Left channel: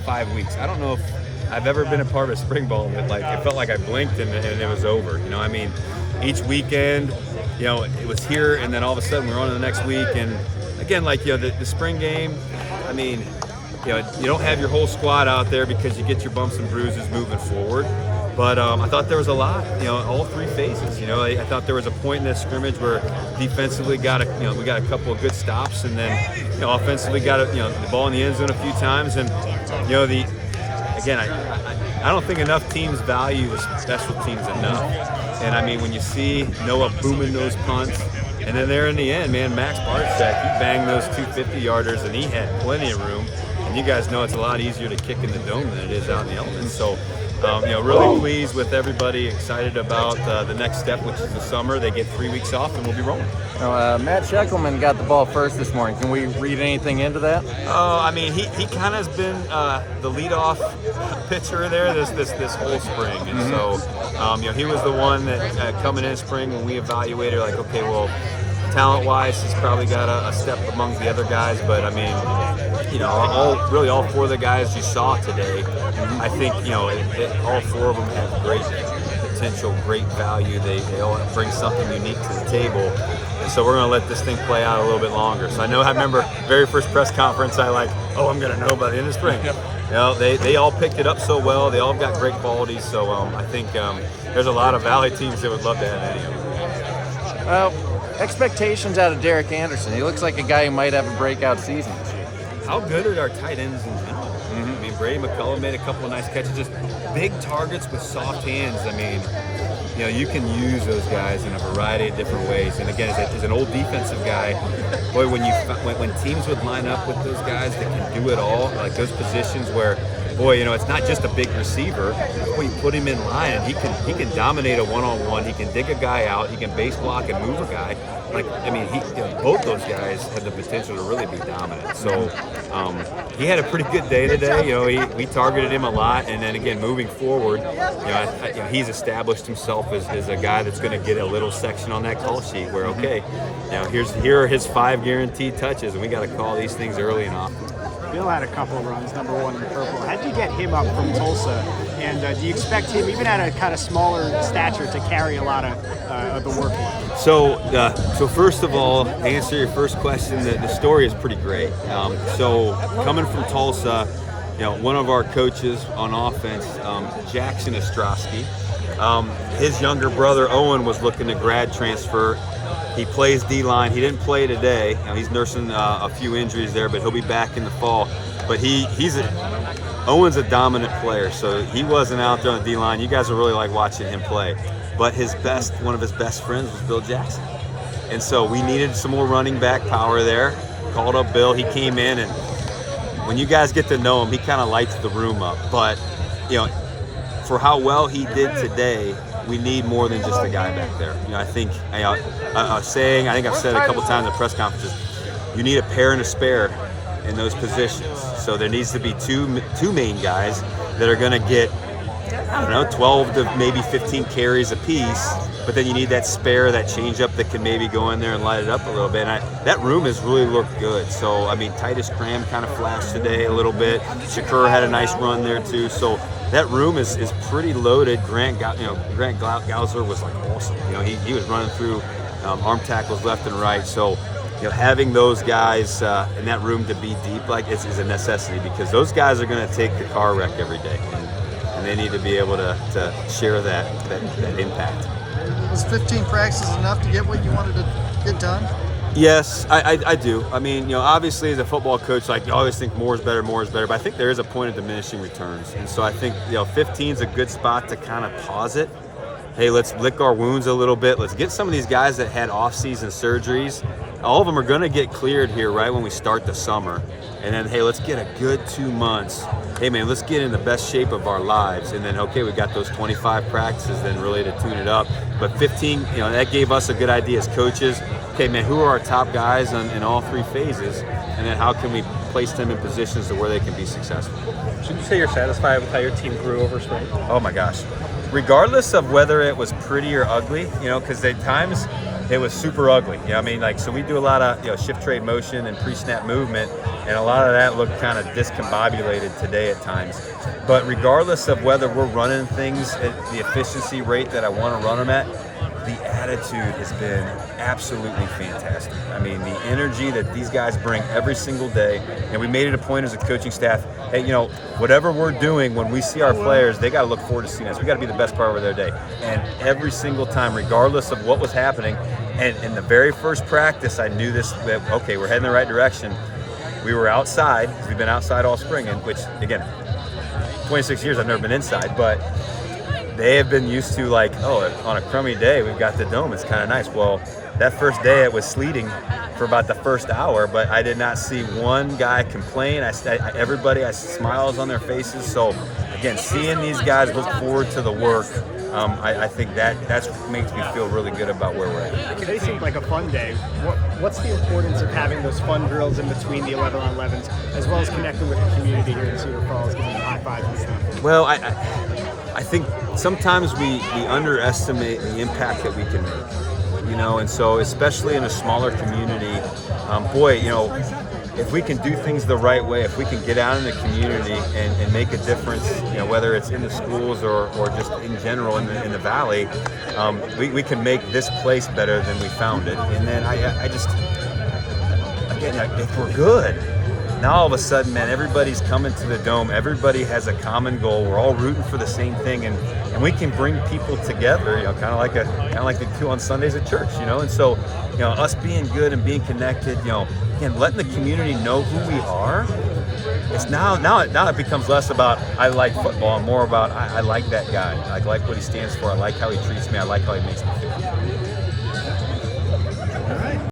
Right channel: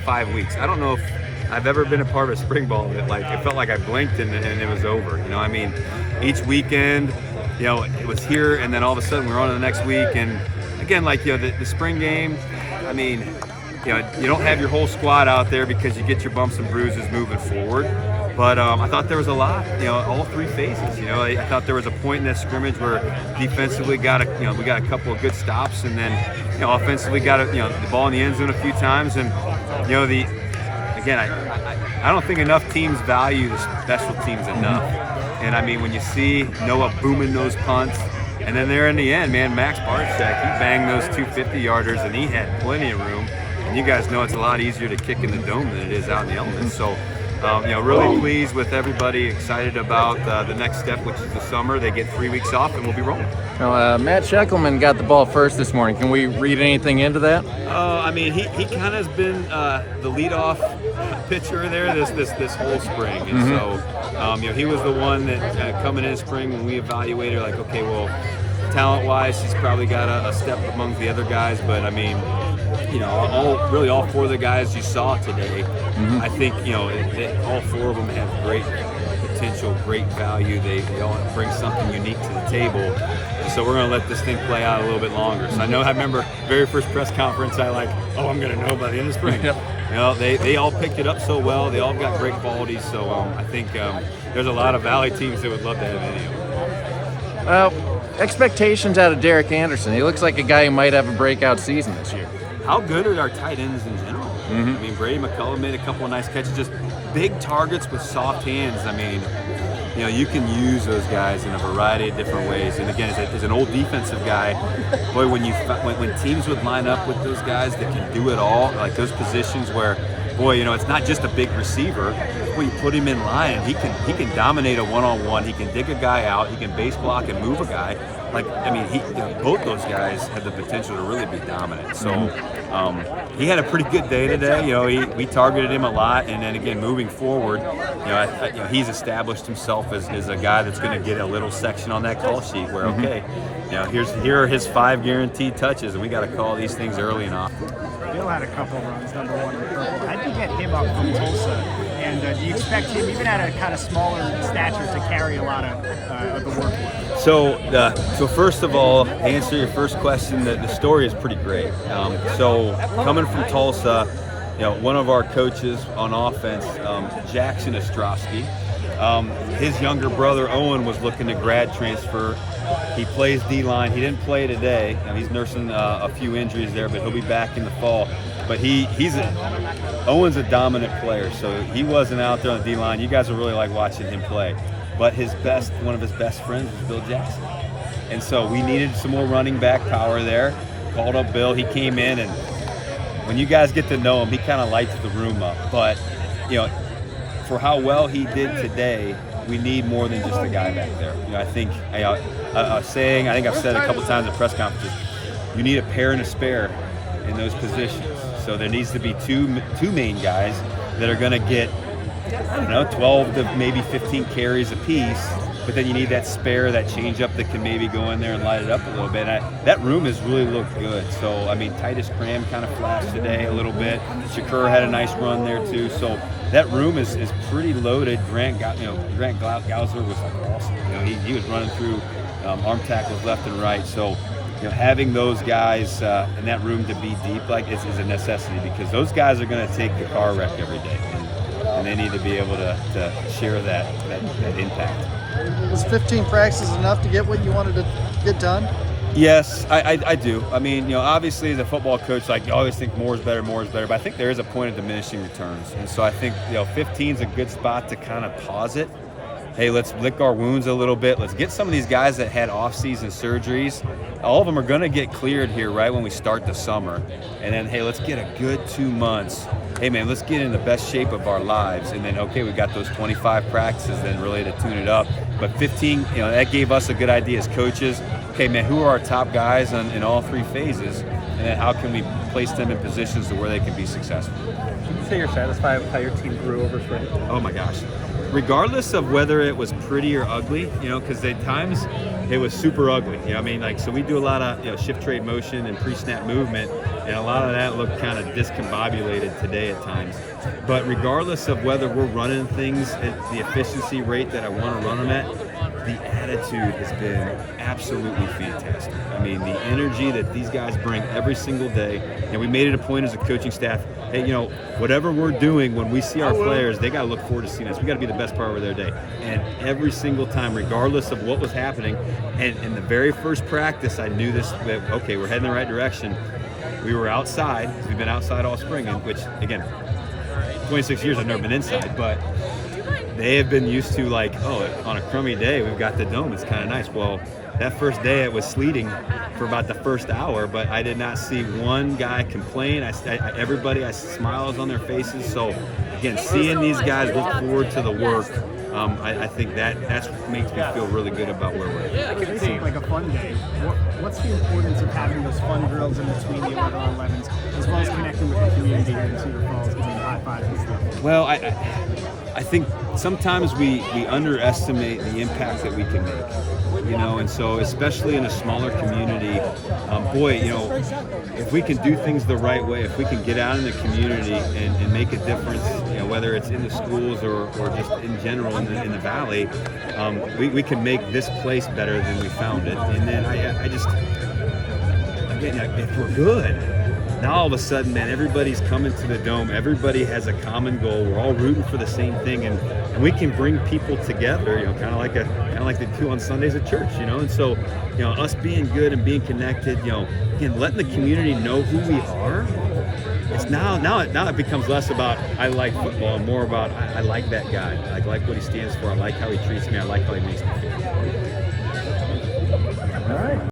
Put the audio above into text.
5 weeks. I don't know if I've ever been a part of a spring ball that it felt like I blinked and it was over. I mean, each weekend, it was here, and then all of a sudden we're on to the next week. And again, the spring game, I mean, you don't have your whole squad out there because you get your bumps and bruises moving forward. But I thought there was a lot, all three phases. I thought there was a point in that scrimmage where defensively we got a couple of good stops, and then offensively got the ball in the end zone a few times. And I don't think enough teams value the special teams enough. And I mean, when you see Noah booming those punts, and then there in the end, man, Max Barczyk, he banged those 250-yarders, and he had plenty of room. And you guys know it's a lot easier to kick in the dome than it is out in the elements. So, really pleased with everybody, excited about the next step, which is the summer. They get 3 weeks off, and we'll be rolling. Well, Matt Sheckelman got the ball first this morning. Can we read anything into that? I mean, he kind of has been the leadoff pitcher there this whole spring, and so he was the one that coming in spring when we evaluated, okay, well, talent-wise, he's probably got a step among the other guys, but I mean, all four of the guys you saw today, I think all four of them have great potential, great value. They all bring something unique to the table. And so we're going to let this thing play out a little bit longer. So I remember very first press conference, I'm going to know by the end of spring. They all picked it up so well. They all got great qualities. So I think there's a lot of Valley teams that would love to have any of them. Expectations out of Derek Anderson. He looks like a guy who might have a breakout season this year. How good are our tight ends in general? I mean, Brady McCullough made a couple of nice catches, just big targets with soft hands. I mean, you can use those guys in a variety of different ways. And again, as an old defensive guy, boy, when teams would line up with those guys that can do it all, like those positions where, boy, it's not just a big receiver. Boy, you put him in line, and he can dominate a one-on-one. He can dig a guy out. He can base block and move a guy. Both those guys have the potential to really be dominant. So he had a pretty good day today. We targeted him a lot, and then again, moving forward, he's established himself as a guy that's going to get a little section on that call sheet where, okay, here are his 5 guaranteed touches, and we got to call these things early and often. Bill had a couple of runs, number 1 in purple. How'd you get him up from Tulsa? And do you expect him, even at a kind of smaller stature, to carry a lot of the work? So first of all, to answer your first question, the story is pretty great. So coming from Tulsa, one of our coaches on offense, Jackson Ostrowski, his younger brother Owen was looking to grad transfer. He plays D-line. He didn't play today. He's nursing a few injuries there, but he'll be back in the fall. But Owen's a dominant player, so he wasn't out there on the D-line. You guys will really like watching him play. But one of his best friends was Bill Jackson. And so we needed some more running back power there. Called up Bill. He came in, and when you guys get to know him, he kind of lights the room up. But, for how well he did today, we need more than just a guy back there. I think I've said a couple times at press conferences, you need a pair and a spare in those positions. So there needs to be two main guys that are going to get, 12 to maybe 15 carries apiece. But then you need that spare, that change-up that can maybe go in there and light it up a little bit. And that room has really looked good. So, I mean, Titus Cram kind of flashed today a little bit. Shakur had a nice run there, too. So that room is pretty loaded. Grant Gausler was, awesome. He was running through arm tackles left and right. So, having those guys in that room to be deep is a necessity, because those guys are going to take the car wreck every day. And they need to be able to share that impact. Was 15 practices enough to get what you wanted to get done? Yes, I do. I mean, obviously as a football coach, you always think more is better, but I think there is a point of diminishing returns. And so I think, 15 is a good spot to kind of pause it. Hey, let's lick our wounds a little bit. Let's get some of these guys that had off-season surgeries. All of them are going to get cleared here right when we start the summer. And then, hey, let's get a good 2 months. Hey, man, let's get in the best shape of our lives. And then, okay, we got those 25 practices then really to tune it up. But 15, that gave us a good idea as coaches. Okay, man, who are our top guys in all 3 phases? And then how can we place them in positions to where they can be successful? Should you say you're satisfied with how your team grew over spring? Oh, my gosh. Regardless of whether it was pretty or ugly, because at times, it was super ugly. You know, I mean, like, so we do a lot of, you know, shift trade motion and pre-snap movement, and a lot of that looked kind of discombobulated today at times. But regardless of whether we're running things at the efficiency rate that I want to run them at, the attitude has been absolutely fantastic. I mean, the energy that these guys bring every single day. You know, we made it a point as a coaching staff, hey, you know, whatever we're doing, when we see our players, they got to look forward to seeing us. We got to be the best part of their day. And every single time, regardless of what was happening, and in the very first practice, I knew this, that, okay, we're heading the right direction. We were outside, because we've been outside all spring, and which, again, 26 years I've never been inside, but they have been used to, like, oh, on a crummy day, we've got the dome, it's kind of nice. Well, that first day it was sleeting for about the first hour, but I did not see one guy complain. Everybody has smiles on their faces. So again, seeing these guys look forward to the work, I think that's what makes me feel really good about where we're at. It seemed like a fun day. What's the importance of having those fun drills in between the 11-on-11s, as well as connecting with the community here in Cedar Falls, giving high fives and stuff? Well, I think sometimes we underestimate the impact that we can make, you know, and so especially in a smaller community, boy, you know, if we can do things the right way, if we can get out in the community and make a difference, you know, whether it's in the schools or just in general in the valley, we can make this place better than we found it. And then I just, again, if we're good, now all of a sudden, man, everybody's coming to the dome. Everybody has a common goal. We're all rooting for the same thing, and we can bring people together. You know, kind of like they do on Sundays at church. You know, and so, you know, us being good and being connected. You know, again, letting the community know who we are. It's now it becomes less about I like football and more about I like that guy. I like what he stands for. I like how he treats me. I like how he makes me feel.